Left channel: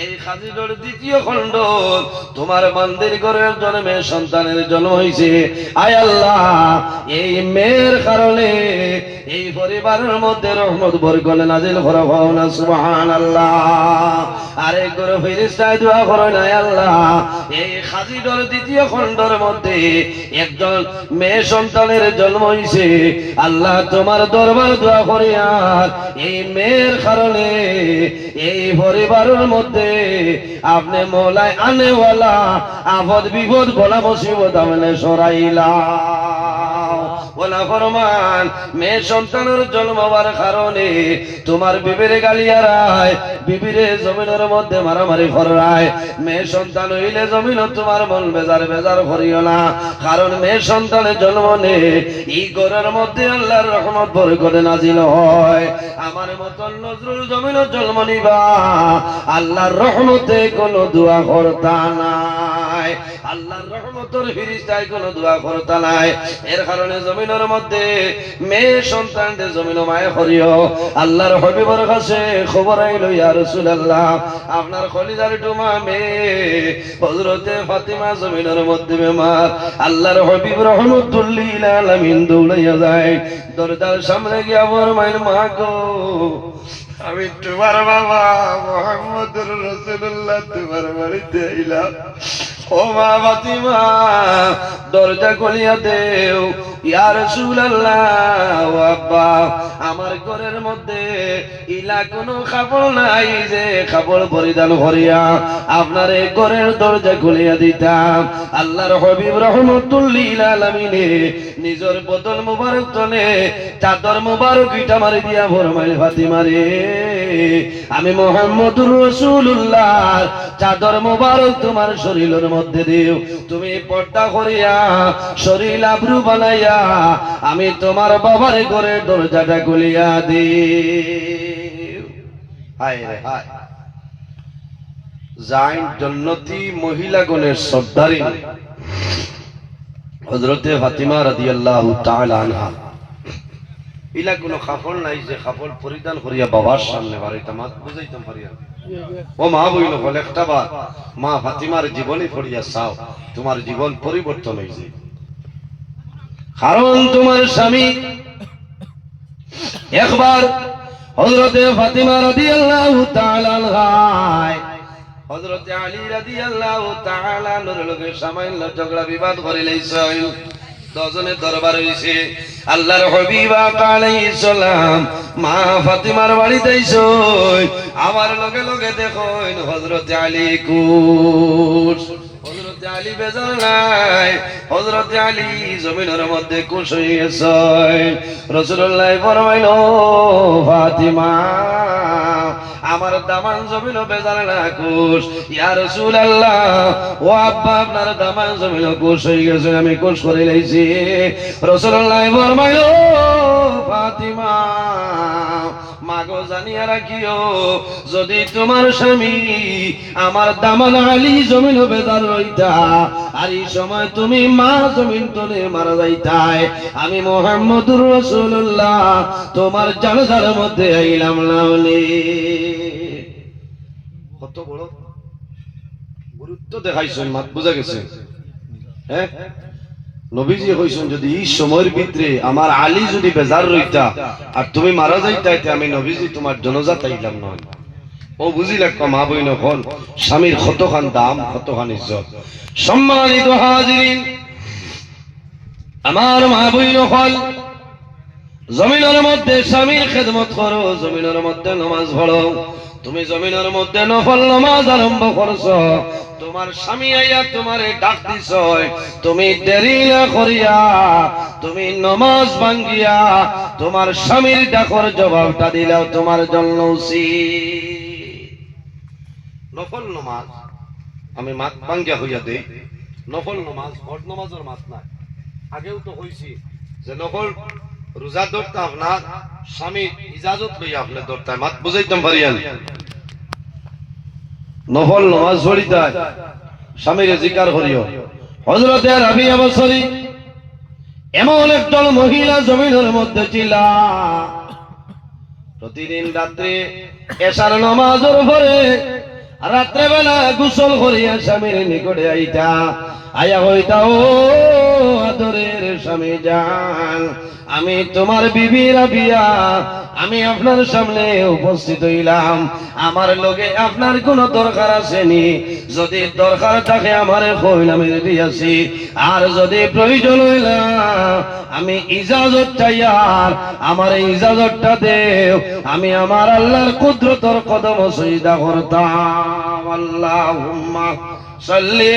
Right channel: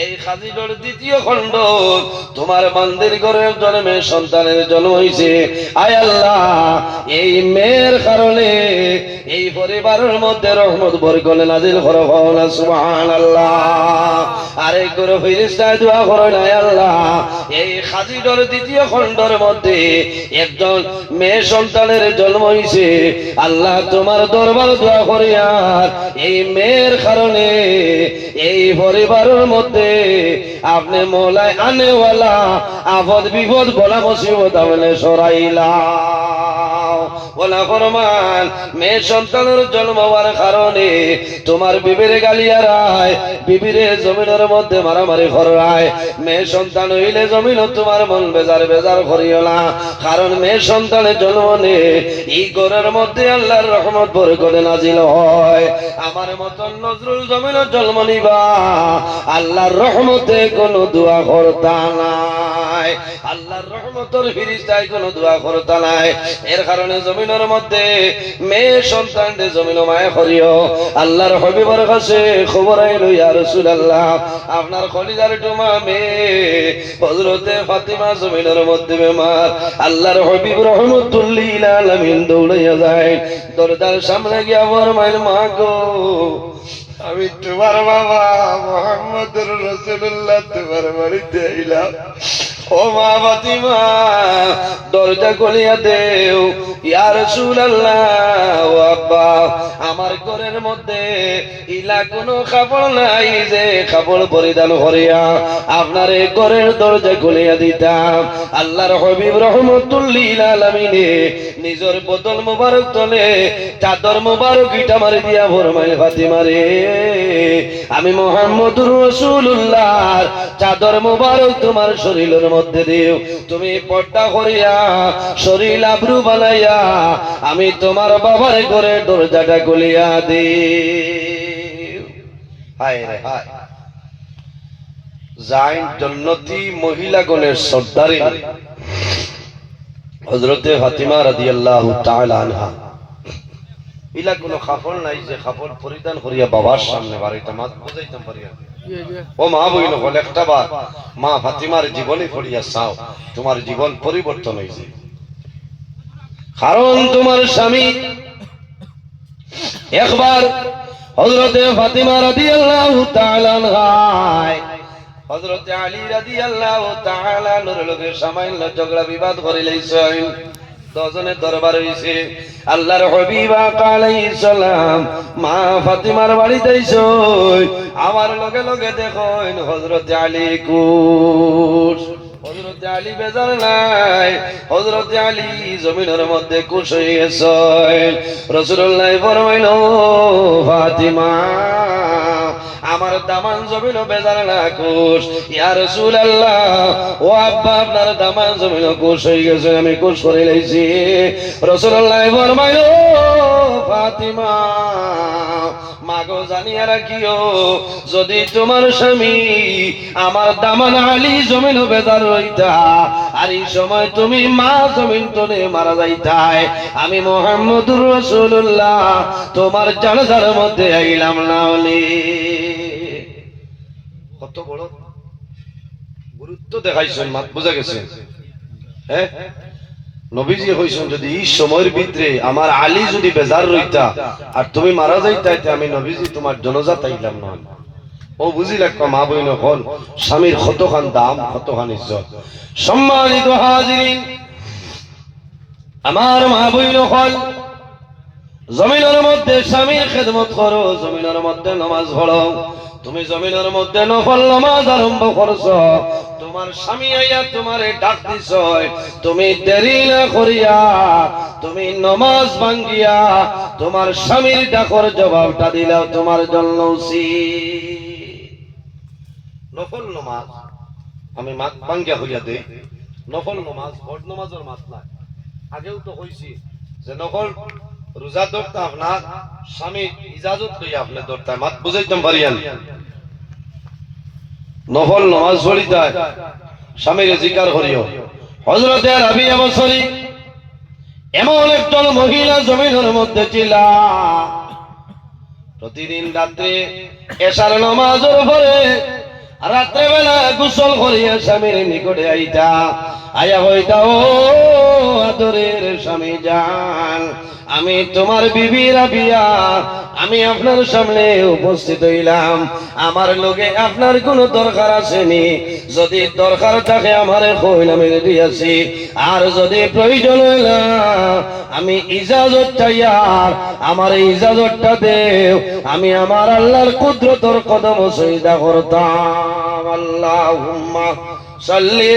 এই খাজিডোর দ্বিতীয় খণ্ড তোমার বান্দির ঘরের জন্মে সন্তানের জন্ম হয়েছে। আয় আল্লাহ, এই মেয়ের কারণে এই পরিবারের মধ্যে রহমত বরকত নাজিল করো না সুবহানাল্লাহ। আরেক করে ফেরেশতায় দোয়া করেন, আয় আল্লাহ, এই খাজিডোর দ্বিতীয় খণ্ডের মধ্যে একজন মেয়ে সন্তানের জন্ম হয়েছে। আল্লাহ তোমার দরবার দোয়া করি, আর এই মেয়ের কারণে এই পরিবারের মধ্যে আপনি মৌলায় আনেওয়ালা আপদ বিপদ বলা মুসিবত আপনি সরাইলা। ফরমান মেয়ে সন্তানের জন্ম হওয়ার কারণে তোমার বিবির গালিয়ারায়, বিবিরে জমিনের মধ্যে মারামারি করায়। মেয়ে সন্তান হইলে জমিন তোমার মন বেজার বেজার করিও না, কারণ মেয়ে সন্তানের জন্ম নে এই ঘরের মধ্যে আল্লাহর রহমত বরকত নাজিল হয়। আমার মতন নজরুল জমিনের জন্ম নিবা, আল্লাহর রহমতে কোনো দোয়া করতা নাই, আল্লাহর রহমতের ফিরিস্তায় কোনো দোয়া করতা নাই। এর কারণে জমিনের মধ্যে মেয়ে সন্তানদের জমিন মায়া করিও। আল্লাহর হাবিবের কাছে খবর আইলো, ইয়া রাসূলুল্লাহ, আপনার খলিজার টুমা মেয়ে হযরতে ফাতিমা জমিনের মধ্যে বেমার। আল্লাহর হাবিব রহমাতুল লিল আলামিন দৌড়াইয়া যায়, দরজার সামনে গিয়া ফরমাইল, মা গো, আমি তোমার বাবা মুহাম্মদুর রাসূলুল্লাহ তোমার বাড়িতে আইলাম। ও মা ফাতিমা, দরজা খুলিয়া দেও। ইয়া রাসূলুল্লাহ, ও আব্বা, আমার ঘরের মধ্যে ইলা কোনো কাপড় নাই যে কাপড় পরিধান করিয়া আপনার এই ঘরের দরজা খুলিয়া দিতাম। আল্লাহর হাবিব রাহমাতুল লিল আলামিনে নিজের বদন মুবারক তলে চাদর মুবারক ইটা মারি দিয়া ফরমায়, ফাতিমা রে, আমি মুহাম্মদুর রাসূলুল্লাহর চাদর মুবারক তোমার শরীরের মধ্যে দিও। তুমি পর্দা করিয়া শরীর আবরু বানাইয়া আমি তোমার বাবার ঘরে দরজাটা খুলিয়া দিও। হায় রে হায়, জাইন জন্নতি মহিলাগণের সর্দারিনী হযরতে ফাতিমা রাদিয়াল্লাহু তাআলা আনহা, ইলা কোনো কাপড় নাই যে কাপড় পরিধান করিয়া বাবার সামনে বাড়িটা মাত বুঝাইতাম পারিয়া। ও মা বইল বলে, একটা বার মা ফাতিমার জীবনে পড়িয়া চাও, তোমার জীবন পরিবর্তন হয়েছে। কারণ তোমার স্বামী একবার হযরতে ফাতিমা রাদিয়াল্লাহু তাআলা আনহা হযরতে আলী রাদিয়াল্লাহু তাআলা আনহুর লগে সামান্য ঝগড়া বিবাদ করে লইছেন। দজনে দরবার হইছে। আল্লাহর হাবিব আলাইহিস সালাম মা ফাতিমার বাড়িতে আইছেন। আমার লগে লগে দেখেন হযরতে আলী কুশ। হযরতে আলী বেজার নাই, হযরতে আলী জমিনের মধ্যে কুশ হয়ে গেছেন। রাসূলুল্লাহ ফরমাইল, ফাতিমা, আমার দামান জমিন বেজার না কুশ। ইয়া রাসূলুল্লাহ, ও আব্বা, আপনার দামান জমিন কুশ হয়ে গেছে, আমি কুশ করে লইছি। রাসূলুল্লাহ ফরমাইল, ফাতিমা, মাগো জানিয়া রাখিও, যদি তোমার স্বামী আমার দামান আলী জমিন বেজার রইতা, আর এই সময় তুমি মা জমিন তলে মারা যাইতাই, আমি মুহাম্মদুর রাসূলুল্লাহ তোমার জানাজার মধ্যে আইলাম না। কত বড় গুরুত্ব দেখাইছেন, মাত বুঝা গেছে? হ্যাঁ, নবীজি কইছেন, যদি এই সময়ের ভিতরে আমার আলী যদি বেজার রইতা আর তুমি মারা যাইতা, আমি নবীজি তোমার জনজাত আইলাম না। ও বুঝি লাগতো মা বইন হল স্বামীর কতখান দাম, কতখান ইজ্জত। সম্মানিত হাজিরিন, আমার মা বইন হল, জমিনের মধ্যে স্বামীর খেদমত করো, জমিনের মধ্যে নামাজ পড়ো। তুমি জমিনের মধ্যে নফল নামাজ আরম্ভ করছো, তোমার স্বামী আইয়া তোমারে ডাক দিছ, তুমি দেরি না করিয়া তুমি নামাজ ভাঙ্গিয়া তোমার স্বামীর ডাকর জবাবটা দিলাও তোমার জন্য উচিত। নফল নামাজ আমি মাত ভাঙ্গিয়া হইয়া দেই, নফল নামাজ ফরজ নামাজের মাত নাই। আগেও তো কইছি যে নফল রোজা ধরতে আপনার স্বামী ইজাজত লইয়া আপনি ধরতে, মাত বুঝাইতাম পারিয়ান। নফল নামাজ পড়িতে স্বামীর জিকার করিও। হযরতে রাবিয়া বসরি এমন একজন মহিলা জমিনের মধ্যে ছিল, প্রতিদিন রাত্রে এশার নামাজের পরে রাত্রেবেলা গোসল করিয়া স্বামীর নিকটে আইতা, আয়া হইতা, ও আদরের স্বামী জান, আমি তোমার বিবি রাবিয়া, আমি আপনার সামনে উপস্থিত হইলাম, আমার লগে আপনার কোনো দরকার আসেনি, যদি দরকার থাকে আমারে কইল, আমি রেডি আছি, আর যদি প্রয়োজন হইলা আমি ইজাজত চাই, আর আমার ইজাজতটা দেও, আমি আমার আল্লাহর কুদরতর কদম সজদা করতাম। আল্লাহুম্মা সাল্লি